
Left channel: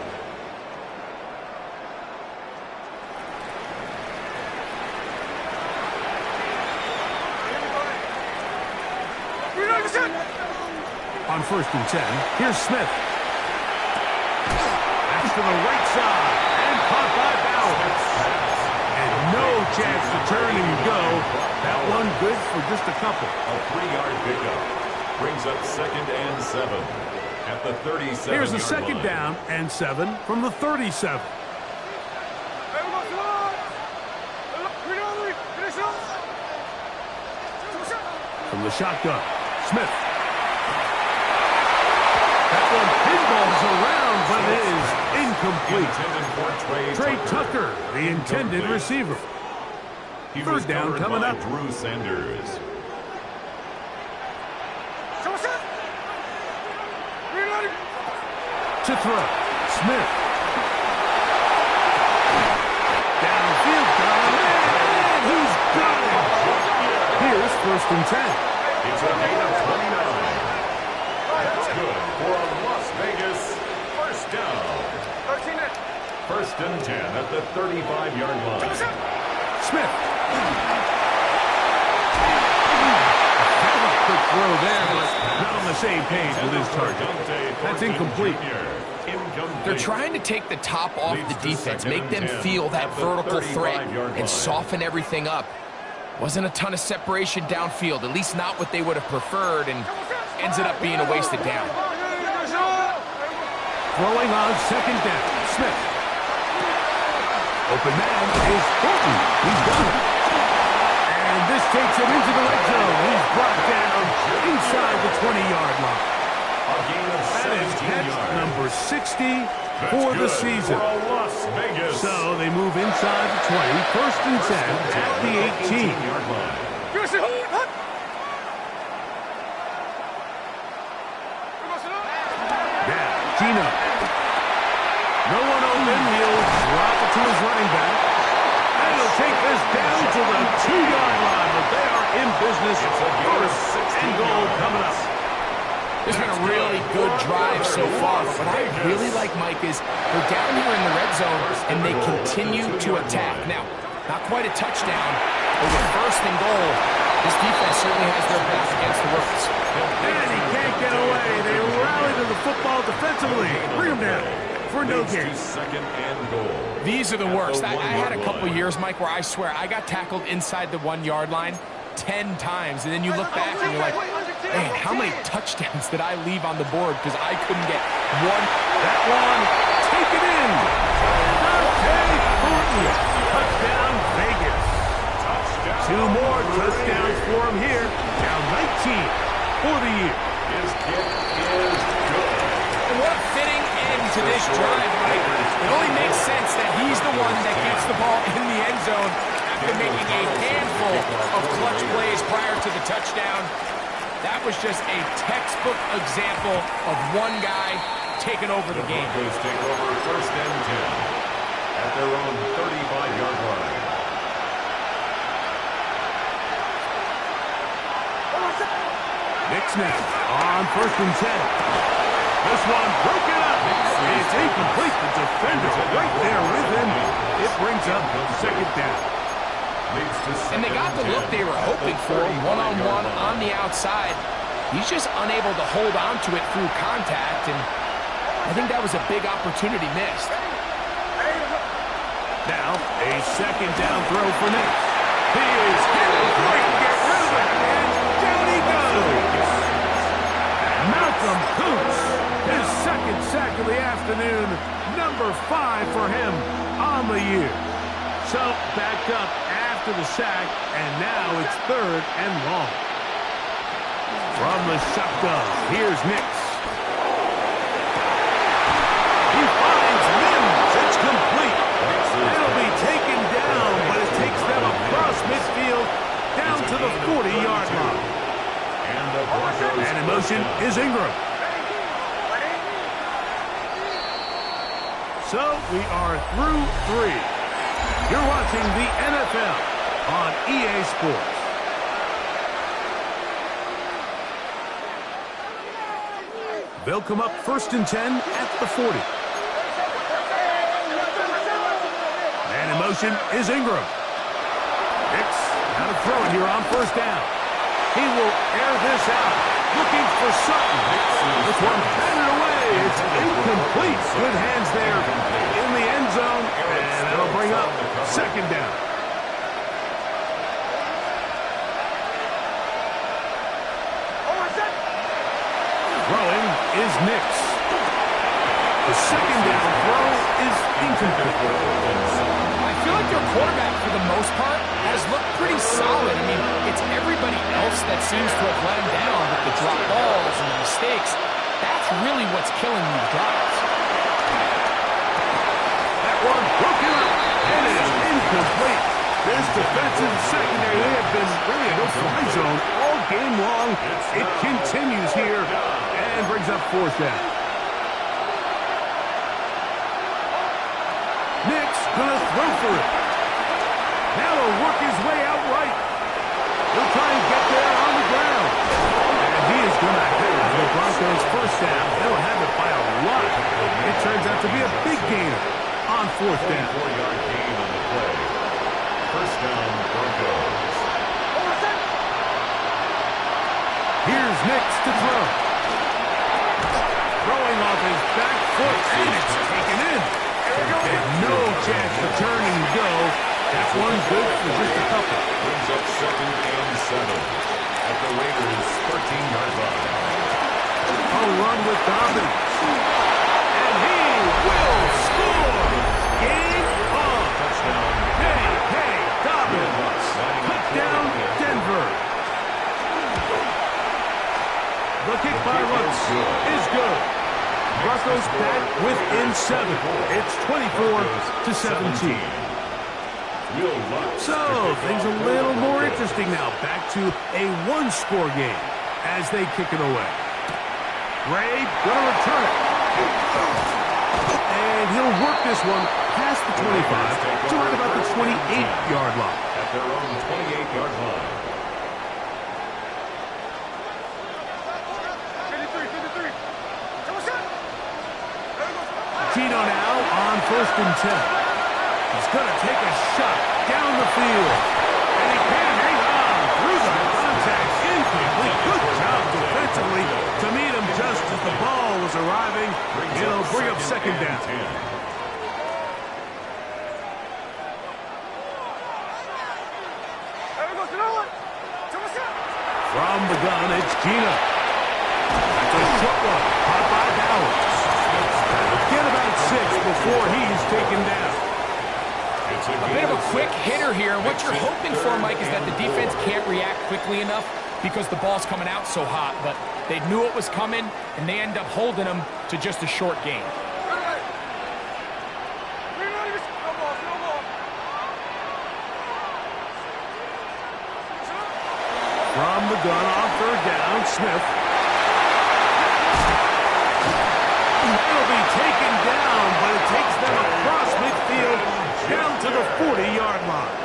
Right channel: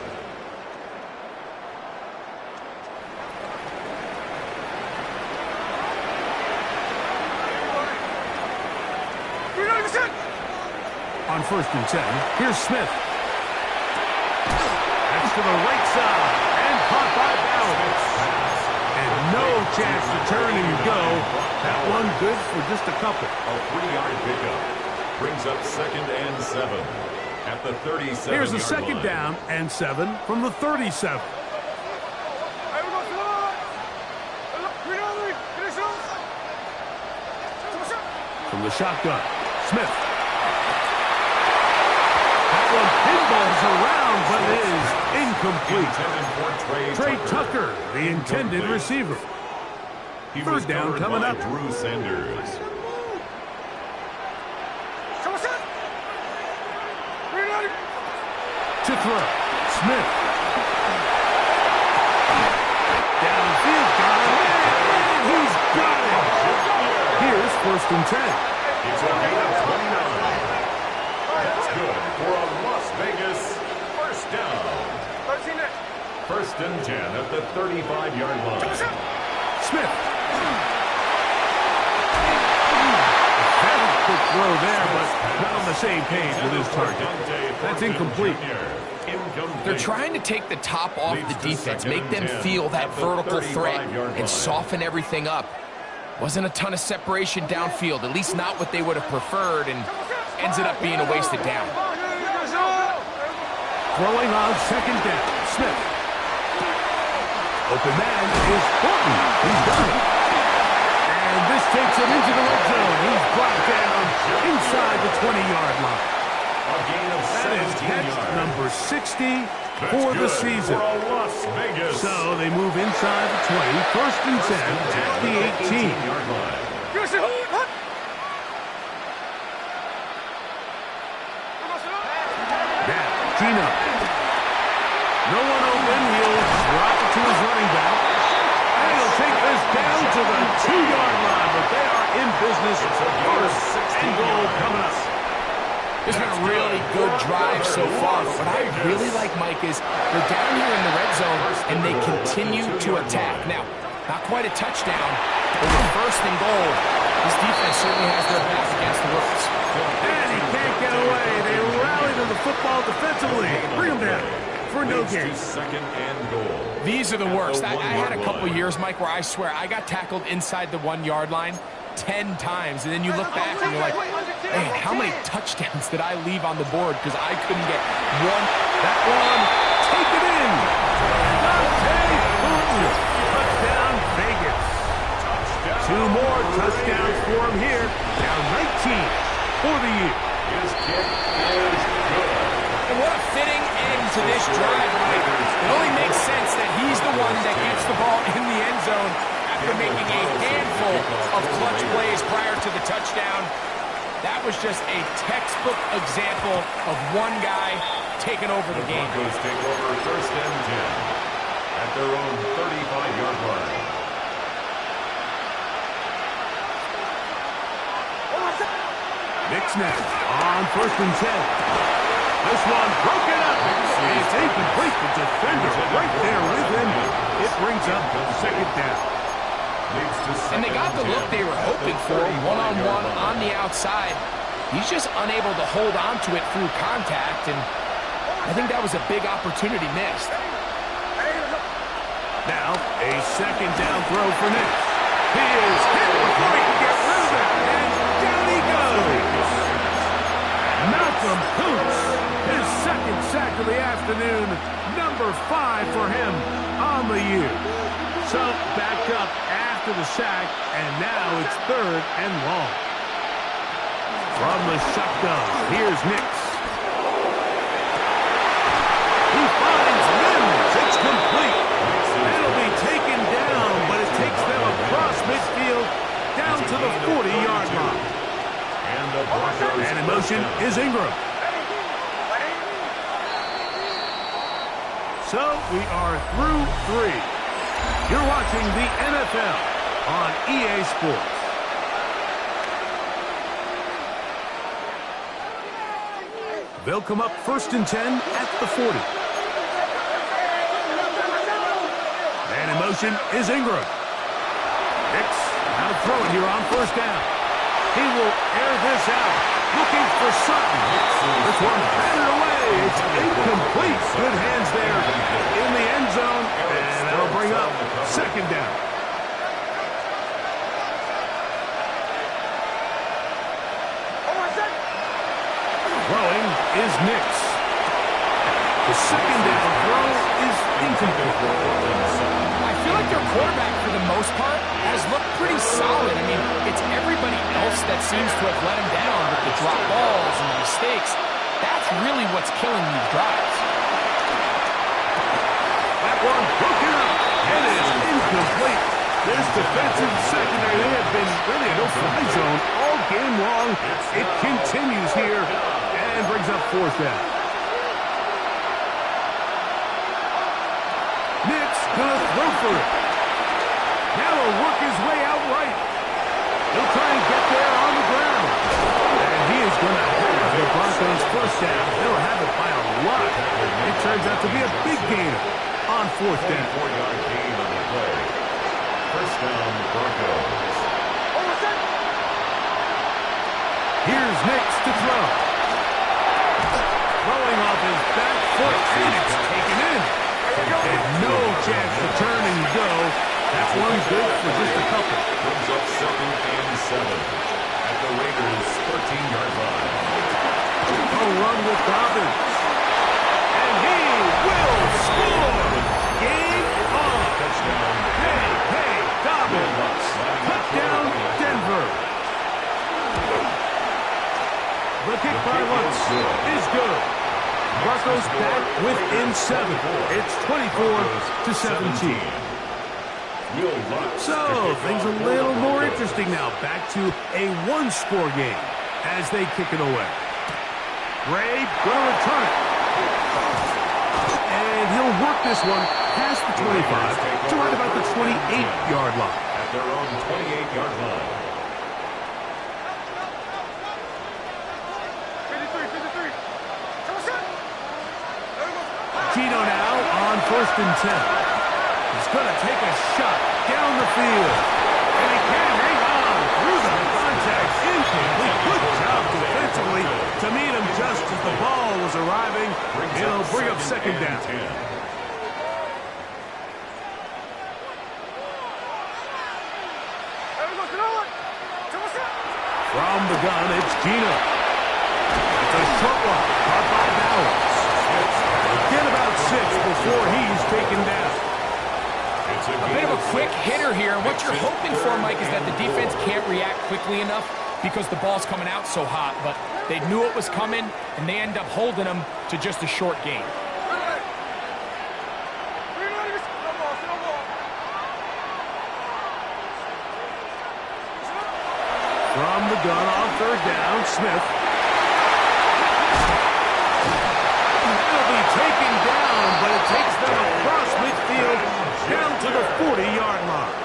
On 1st and 10, here's Smith. That's to the right side, and caught by Bowers. And no chance to turn and go. That one good for just a couple. A 3-yard pickup. Brings up 2nd and 7 at the 37-yard line. Here's a 2nd down and 7 from the 37. From the shotgun, Smith. That one pinballs around, but it is incomplete. Trey Tucker, the intended receiver. 3rd down coming up. Drew Sanders. To throw, Smith. Downfield, got him, and he's got it. Here's 1st and 10. It's a gain of 29. That's good for a Las Vegas 1st down. 1st and 10 at the 35-yard line. Smith. Very quick throw there, but not on the same page with his target. That's incomplete. They're trying to take the top off the defense, make them feel that vertical threat, and soften everything up. Wasn't a ton of separation downfield, at least not what they would have preferred, and ends it up being a wasted down. Throwing on 2nd down, Smith. Open man is Horton. He's done it. And this takes him into the red zone. He's brought down inside the 20-yard line. A gain of 17 that is catch yards. number 60 for the season. For Las Vegas. So they move inside the 20, 1st and 10 at the 18. 18-yard line. No one open. He'll drop it to his running back. And he'll take this down to the 2-yard line, but they are in business. First and goal coming up. It's been a really good drive so far, but what I really like, Mike, is they're down here in the red zone, and they continue to attack. Now, not quite a touchdown, but with first and goal, this defense certainly has their back against the ropes. And he can't get away. They rally to the football defensively. Bring him down for no gain. Second and goal. These are the worst. I had a couple years, Mike, where I swear I got tackled inside the 1-yard line 10 times, and then you look back and you're like, man, how many touchdowns did I leave on the board because I couldn't get one? That one, take it in. Dante Thornton, touchdown Vegas. Two more touchdowns for him here. Now 19 for the year. His kick is good. And what a fitting end to this drive, Mike. It only makes sense that he's the one that gets the ball in the end zone after making a handful of clutch plays prior to the touchdown. That was just a textbook example of one guy taking over the game. The Broncos take over first and 10 at their own 35-yard line. Knicks now on first and 10. This one broken up. It's incomplete. The defender right there with him. It brings up second down. And they got the look they were hoping for, one-on-one on the outside. He's just unable to hold on to it through contact, and I think that was a big opportunity missed. Now, a second down throw for Knicks. He is hit before he can get rid of it, and down he goes. Malcolm Koonce, his second sack of the afternoon, number 5 for him on the year. So, back up after the sack, and now it's third and long. From the shotgun, here's Nix. He finds Mims. It's complete. It'll be taken down, but it takes them across midfield down to the 40-yard line. And in motion is Ingram. So we are through 3. You're watching the NFL on EA Sports. They'll come up first and 10 at the 40. And in motion is Ingram. Nix now to throw it here on first down. He will air this out, looking for Sutton. This one batted away. It's incomplete. Good hands there in the end zone, and that'll bring up second down. Throwing is Nix. The second down throw is incomplete. I feel like their quarterback, for the most part, has looked pretty solid. I mean, it's everybody else that seems to have let him down with the drop balls and the mistakes. That's really what's killing these drives. That one broken up and is incomplete. This defensive secondary, they have been really a no-fly zone all game long. It continues here and brings up fourth down. Nix gonna throw for it. Now he'll work his way out right. He'll try and get there on the ground. And he is gonna have the Broncos first down. They'll have it by a lot. It turns out to be a big gainer on fourth down. 4-yard gain on the play. First down, Broncos. Here's Nix to throw. Throwing off his back foot, and it's taken in. And no chance to turn and go. That one good for just a couple. Brings up second and 7 at the Raiders' 13-yard line. A run with Dobbins. And he will score. Game on. Touchdown. Hey, Dobbins. Touchdown, Denver. The kick by Lutz is good. Broncos back within 7. It's 24-17. So, things a little more interesting now. Back to a one-score game as they kick it away. Gray gonna return it. And he'll work this one past the 25 to right about the 28-yard line. At their own 28-yard line. 53. Gino now on 1st and 10. He's going to take a shot down the field. And he can't hang on through the contact. Incomplete. Good job defensively to meet him just as the ball was arriving. It'll bring up 2nd down. From the gun, it's Gino. That's a short one, caught by Bowers. That'll get about 6 before he's taken down. A bit of a quick hitter here, and what you're hoping for, Mike, is that the defense can't react quickly enough because the ball's coming out so hot, but they knew it was coming, and they end up holding them to just a short gain. From the gun on 3rd down, Smith. That'll be taken down, but it takes them across midfield down to the 40-yard line.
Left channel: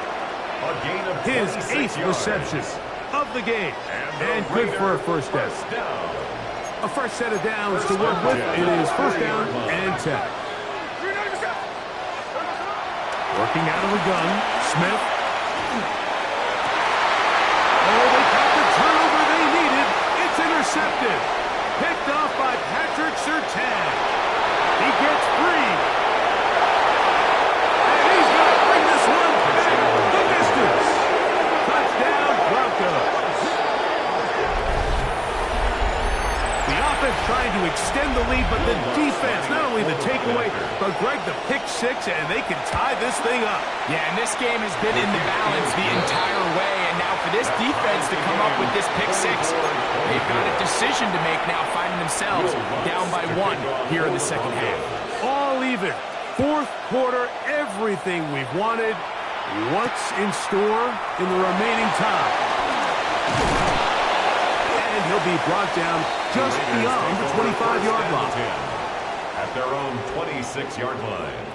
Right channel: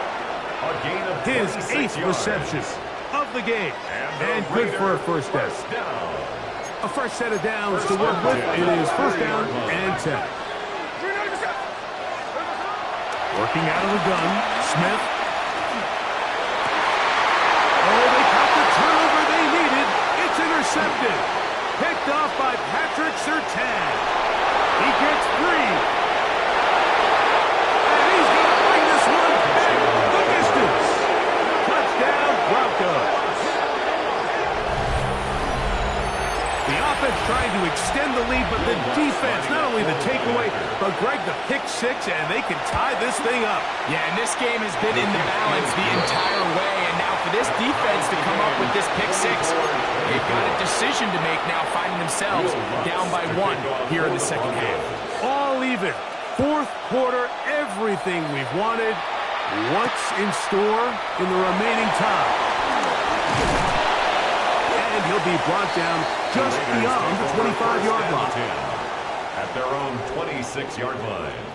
A gain of His 8th yards. reception of the game. And good for a first down. A fresh set of downs to work with. It is 1st down and 10. Working out of the gun, Smith. Oh, they got the turnover they needed. It's intercepted. Picked off by Patrick Surtain. He gets 3. And he's going to bring this one back the distance. Touchdown, Broncos. The offense trying to extend the lead, but the defense, not only the takeaway, but Greg, the pick 6, and they can tie this thing up. Yeah, and this game has been in the balance the entire way, and now for this defense to come up with this pick 6, they've got a decision to make now, finding themselves down by 1 here in the 2nd half. All even. 4th quarter, everything we've wanted. What's in store in the remaining time? And he'll be brought down just beyond the 25-yard line. At their own 26-yard line.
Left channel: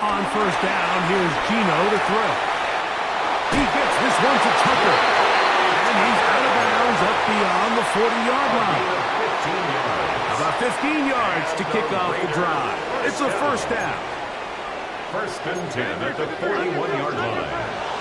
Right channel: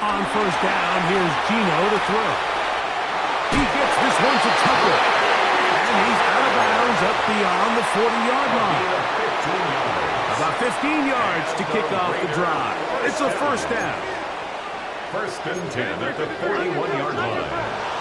On 1st down, here's Gino to throw. He gets this one to Tucker. And he's out of bounds up beyond the 40-yard line. About 15 yards to kick off the drive. It's a 1st down. 1st and 10 at the 41-yard line.